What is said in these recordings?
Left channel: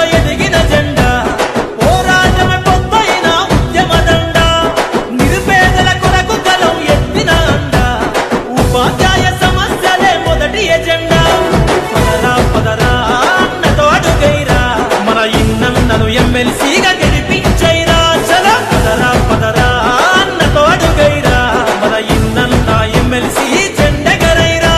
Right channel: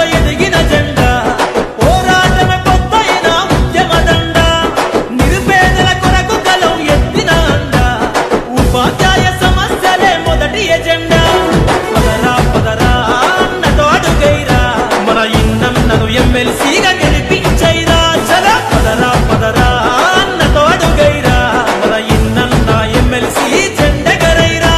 సమాజంలో ఎదిగిన జెండా, పోరాటమే పొద్దైన ఉద్యమ దండ, నిరుపేదల కొరకు గలం ఎత్తిన అండ, ఉపాధ్యాయ సమస్యలే మొదటి ఎజెండా. పదరా పదరా అన్నతో అడుగైరా, మన ఇన్నన్నను ఎమ్మెల్సీగా గెలిపించైరా. చల పదరా పదరా అన్నతో అడుగైరా, మన ఇన్నన్న ఎమ్మెల్సీ జెండెగరైరా.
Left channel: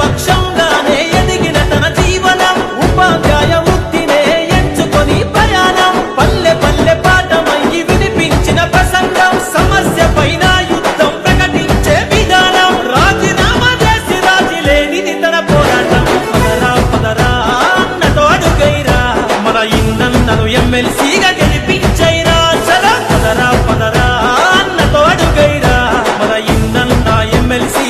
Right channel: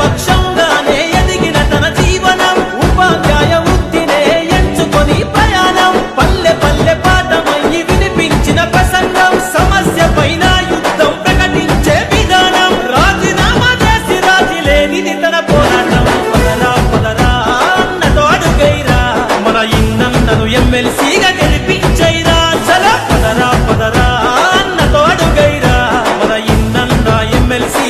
పక్షంగానే ఎదిగిన తన జీవనం, ఉపాధ్యాయ వృత్తినే ఎంచుకొని ప్రయాణం, పల్లె పల్లె పాఠమయ్యి వినిపించిన ప్రసంగం, సమస్య పైన యుద్ధం ప్రకటించే విధానం, రాజీనామా చేసి రాజీ లేనిది తన పోరాటం. పదరా పదరా అన్నతో అడుగైరా, మన ఇన్నన్నను ఎమ్మెల్సీగా గెలిపించైరా. చల పదరా పదరా అన్నతో అడుగైరా, మన ఇన్నన్న ఎమ్మెల్సీ